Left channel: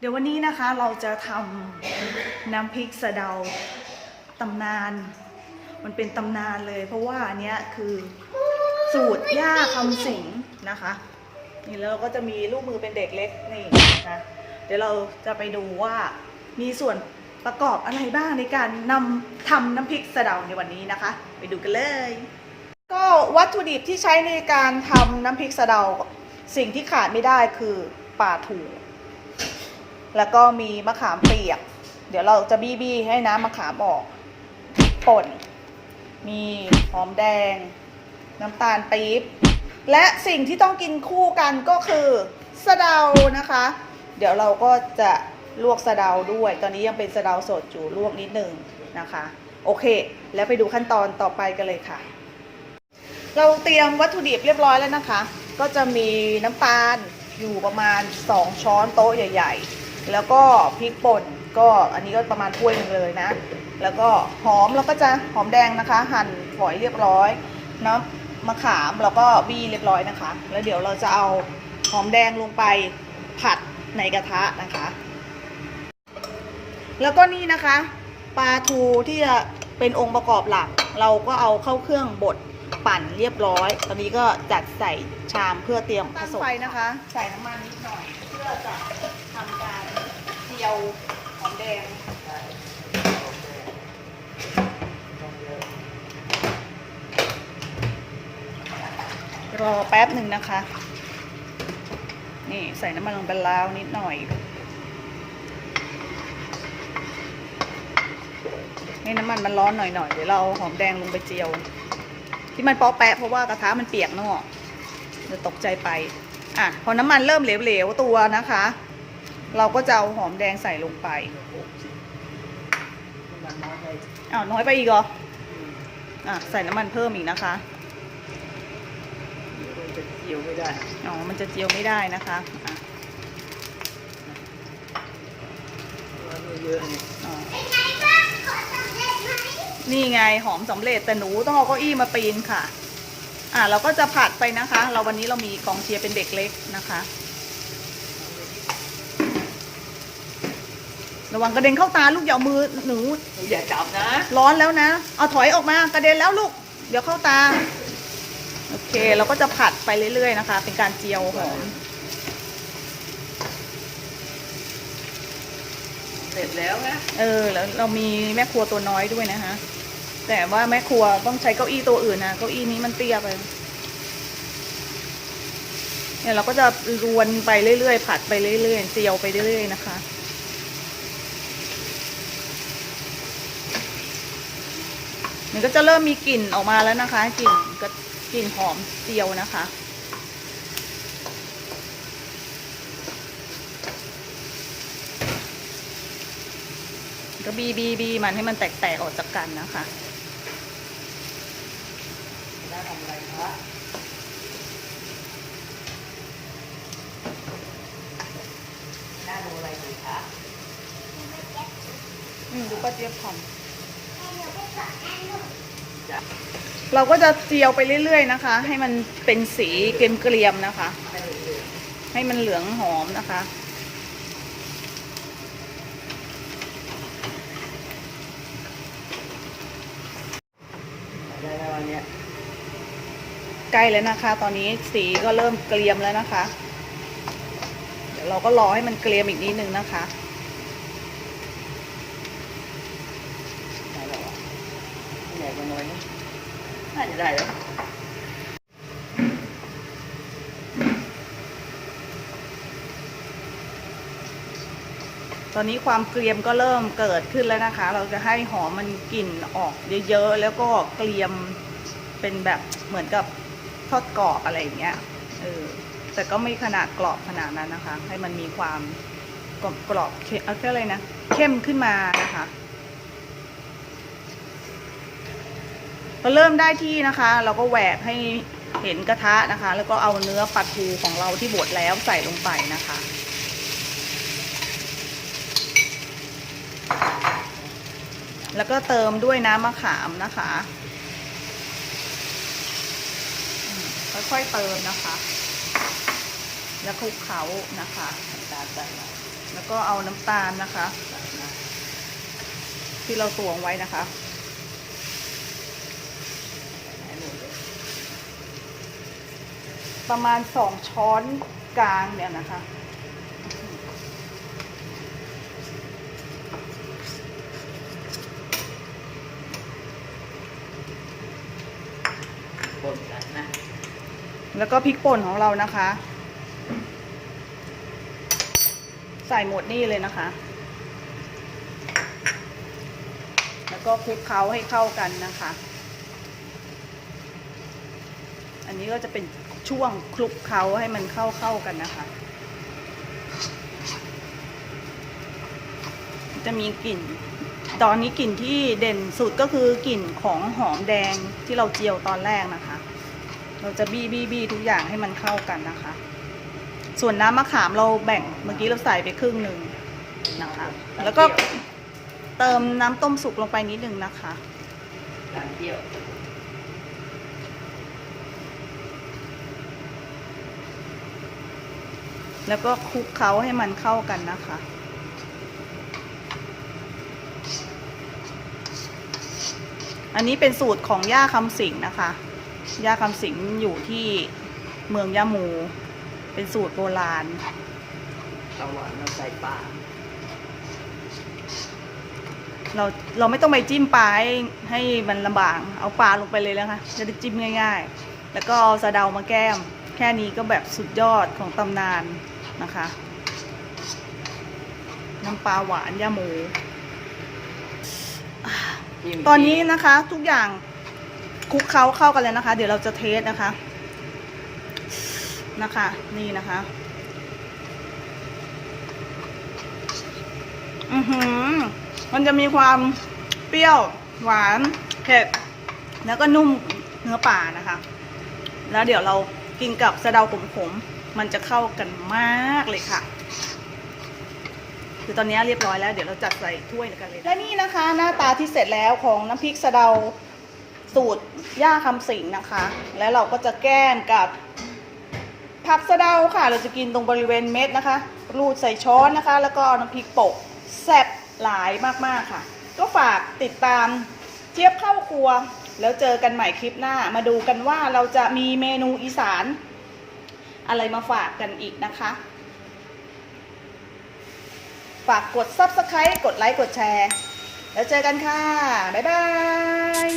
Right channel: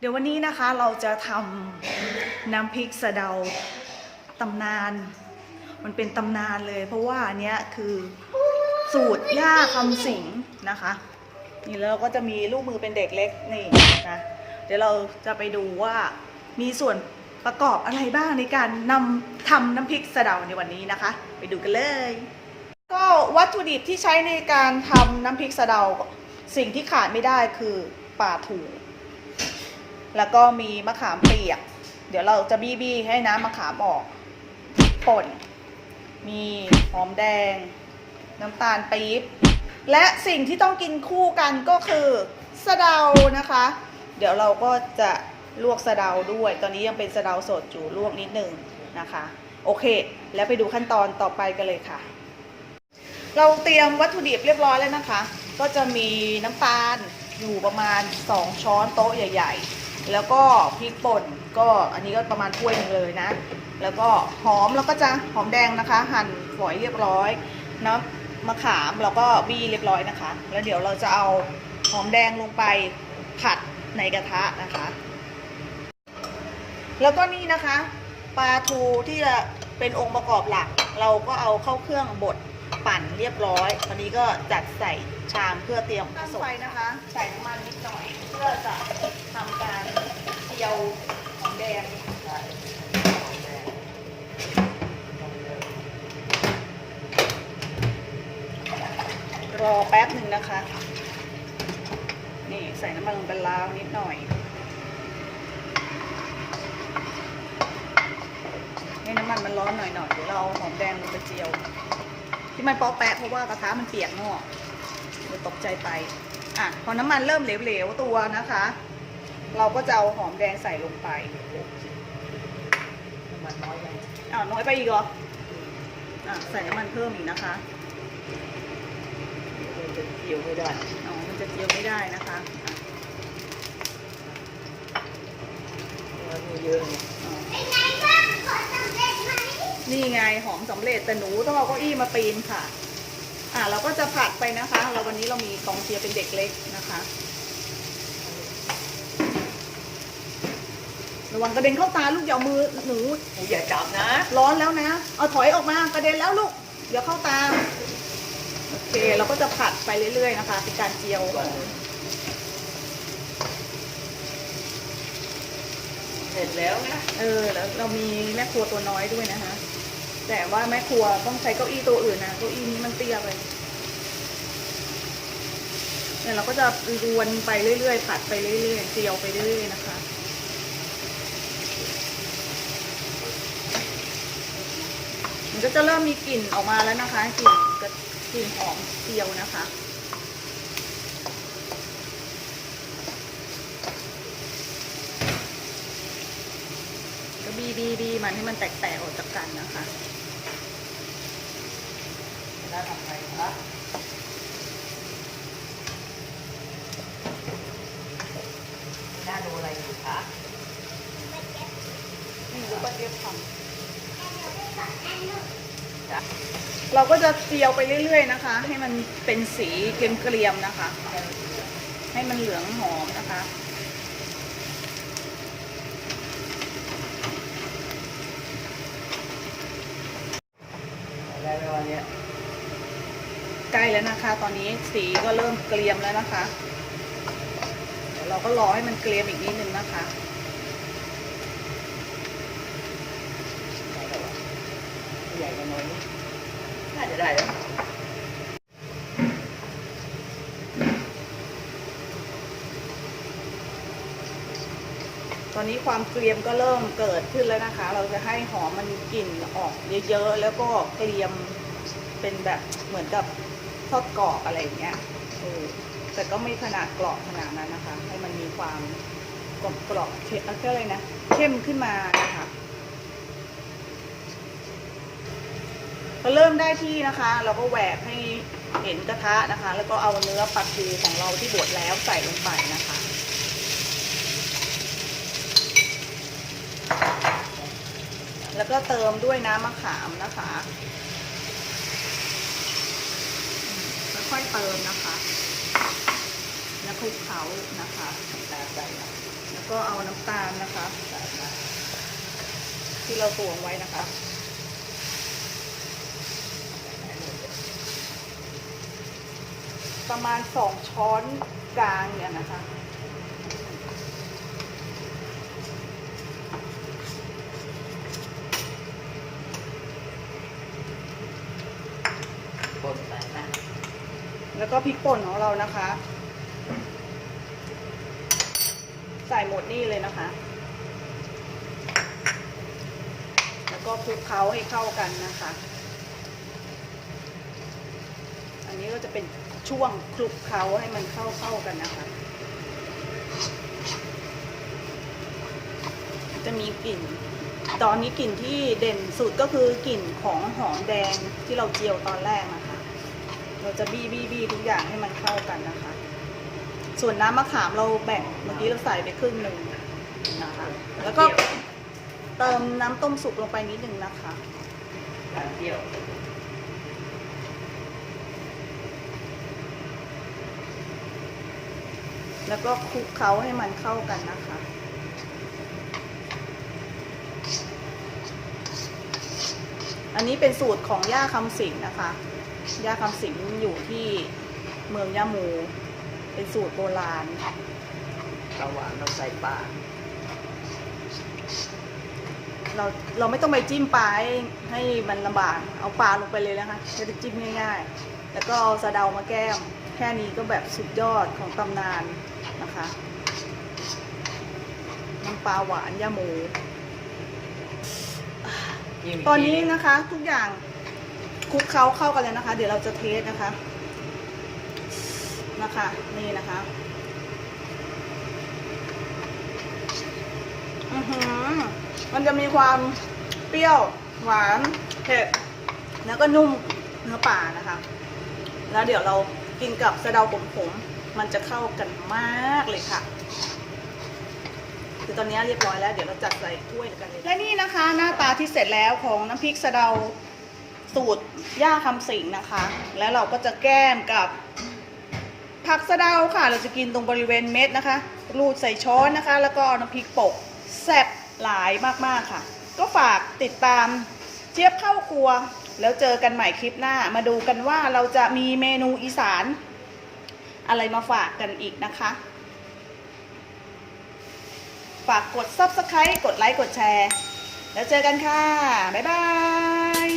เดี๋ยววันนี้นะคะเราจะทำน้ำพริกสะเดาตำนาน มันเป็นตำนานเลย เพราะว่าอันเนี้ยคือสูตรย่าคำสิงนะคะนี่แล้วเราก็จะมีลูกมือเป็นเด็กเล็กนี่นะเดี๋ยวเราจะไปดูว่ามีส่วนประกอบอะไรบ้างในการนำทำน้ำพริกสะเดาในวันนี้นะคะ ไปดูกันเลย ก็วัตถุดิบที่ใช้ในการทำน้ำพริกสะเดา สิ่งที่ขาดไม่ได้คือปลาถู แล้วก็มีมะขามเปียก เดี๋ยวเราจะบี้บี้ให้น้ำมะขามออกป่น มีหอมแดง น้ำตาลปี๊บ และสิ่งที่ต้องกินคู่กันก็คือสะเดานะคะ เดี๋ยวเราก็จะลวกสะเดาด้วย ตอนนี้ยังเป็นสะเดาสดอยู่ลวกนิดนึงนะคะ โอเค แล้วไปดูขั้นตอนต่อไปกันเลยค่ะ เราเตรียมวัตถุดิบเรียบร้อยแล้วนะคะ ก็จะมีน้ำตาลอยู่ประมาณ 2 ช้อนโต๊ะใหญ่ ๆ แล้วก็พริกป่นก็อันนี้ก็ประมาณถ้วยหนึงเลยนะ แล้วก็หอมเราก็จะหอมแดงนะคะ หั่นฝอยเรียบร้อยน้ำมะขามเราก็บี้เรียบร้อยนะคะ แล้วเดี๋ยวเราจะเอาหอมแดงลงไปผัดในกระทะนะคะ แล้วก็นี่นะคะปลาทูที่จะเป็นองค์ประกอบหลัก เราก็เอาเข้าเครื่องบดปั่นเรียบร้อยตอนนี้ก็จัดใส่ชามเพื่อเตรียมผสมไฟนะคะ ใส่น้ำมันนิดหน่อย เพื่อจะทำการเจียวหอมแดง รอแป๊ บหนึ่งนะคะ นี่ใส่น้ำมันลงไปแล้วนิดหน่อย ให้น้ำมันมันร้อนหน่อยๆเดี๋ยวเราหอมแดงลงไปเจียว ที่มันเปาะแปะเพราะว่ากระทะมันเปียกเนอะเดี๋ยวตกใจไป อะพอน้ำมันเริ่มเหลวๆตัวนะคะ เราก็จะเอาหอมแดงใส่ลงไปมันน้อยไปอ้าวน้อยไปอีกเหรออะใส่น้ำมันเพิ่มอีกนะคะมัน จะเกี่ยวไม่ได้อ๋อมันจะเจียวไม่ได้นะคะอะแล้วมีเยอะนี่อ๋อนี่ไงหอมสำเร็จแต่หนูต้องเอาเก้าอี้มาปีนค่ะ อะเราก็จะผัดไปนะคะ เราวันนี้เรามีกองเชียร์เป็นเด็กเล็กนะคะ ระวังกระเด็นเข้าตาลูกอย่าเอามือหนูเราอย่าจับนะ ร้อนแล้วนะ เอาถอยออกมากระเด็นแล้วลูก เดี๋ยวเข้าตาโอ เคเราก็จะผัดไปเรื่อย ๆ นะคะ เป็นการเจียวหอมเสร็จแล้วนะเออแล้วเรามีแม่ครัวตัวน้อยด้วยนะคะ แต่ว่าแม่ครัวต้องใช้เก้าอี้ตัวอื่นนะเก้าอี้นี้มันเตี้ยไปเนี่ยเราก็จะรวนไปเรื่อยๆผัดไปเรื่อยๆเจียวไปเรื่อยๆนะคะมันก็จะเริ่มมีกลิ่นออกมาแล้วนะคะกลิ่นกระ กลิ่นหอมเจียวนะคะ ก็บีบีบีมันให้มันแตกๆออกจากกันนะคะน่าทำอะไรคะน่าดูอะไรอยู่คะนี่ดูป้าเจี๊ยบทจ้ะำ เราก็จะเจียวไปเรื่อย ๆ นะคะ ให้มันเป็นสีเกรียมๆนะคะ ให้มันเหลืองหอมนะคะ ใกล้แล้วนะคะ ตอนนี้สีก็เริ่มเกรียมแล้วนะคะ เดี๋ยวเราก็รอให้มันเกรียมอีกนิดนึงนะคะ ได้แล้ววะใหญ่กว่าน้อยนิด น่าจะได้แล้วตอนนี้ความเกรียมก็เริ่มเกิดขึ้นแล้วนะคะ เราจะให้หอมมันกลิ่นออกเยอะๆ แล้วก็เกรียมเป็นแบบเหมือนกับทอดกรอบอะไรอย่างเงี้ยเออแต่ก็ไม่ขนาดกรอบขนาดนั้นนะคะ ให้มันมีความกรอบกรอบเข้มอะไรนะ เข้มขึ้นมานะคะ พอเริ่มได้ที่นะคะ เราก็แหวกให้เห็นกระทะนะคะ แล้วก็เอาเนื้อปลาทูของเราที่บดแล้วใส่ลงไปนะคะ แล้วก็เติมด้วยน้ำมะขามนะคะค่อยๆเติมนะคะ แล้วคลุกเคล้านะคะตาใจแล้วก็เอาน้ำตาลนะคะ ที่เราตวงไว้นะคะ ประมาณสองช้อนกลางเนี่ยนะคะคนใส่นะแล้วก็พริกป่นของเรานะคะ ใส่หมดนี่เลยนะคะ แล้วก็คลุกเคล้าให้เข้ากันนะคะ อันนี้ก็จะเป็น ช่วงคลุกเคล้าให้มันเข้าเข้ากันนะคะ จะมีกลิ่น ตอนนี้กลิ่นที่เด่นสุดก็คือกลิ่นของหอมแดงที่เราเจียวตอนแรกนะคะ เราจะบี้บี้บี้ทุกอย่างให้มันเข้ากันนะคะ ส่วนน้ำมะขามเราแบ่งเมื่อกี้เราใส่ไปครึ่งหนึ่งนะคะ แล้วก็เติมน้ำต้มสุกลงไปนิดนึงนะคะเปรี้ยว แล้วก็คลุกเคล้าให้มันเข้ากันนะคะ อันนี้เป็นสูตรของย่าคำสิงนะคะ ย่าคำสิงอยู่ที่เมืองยะมู เป็นสูตรโบราณเอาหวานมาใส่ปลาเราเราไม่ต้องไปจิ้มปลาให้ให้มันลำบาก เอาปลาลงไปเลยนะคะจะได้จิ้มง่าย ๆ แล้วก็เอาสะเดามาแก้ม แค่นี้ก็แบบสุดยอดของตำนาน นะคะน้ำปลาหวานยาหมูจิ้มตอนนี้นะคะ ทุกอย่างคลุกเคล้าเข้ากันแล้วนะคะ เดี๋ยวเราจะเทสนะคะ นะคะ นี่นะคะ อือหือ มันจะมีความเปรี้ยวหวานเผ็ดแล้วก็นุ่มเนื้อป่านะคะ แล้วเดี๋ยวเรากินกับสะเดาขมๆ มันจะเข้ากันมากเลยค่ะ คือตอนนี้เรียบร้อยแล้ว เดี๋ยวเราจัดใส่ถ้วยกันเลย และนี่นะคะหน้าตาที่เสร็จแล้วของน้ำพริกสะเดาสูตรย่าคำสิงนะคะ แล้วเราก็จะแก้มกับผักสะเดาค่ะ เราจะกินตรงบริเวณเม็ดนะคะ รูดใส่ช้อนนะคะ แล้วก็น้ำพริกโปะแซ่บหลายมากๆค่ะ ก็ฝากติดตามเจี๊ยบเข้าครัว แล้วเจอกันใหม่คลิปหน้า มาดูกันว่าเราจะมีเมนูอีสาน อะไรมาฝากกันอีกนะคะ ฝากกด subscribe กดไลค์ กดแชร์ แล้วเจอกันค่ะ บ๊ายบาย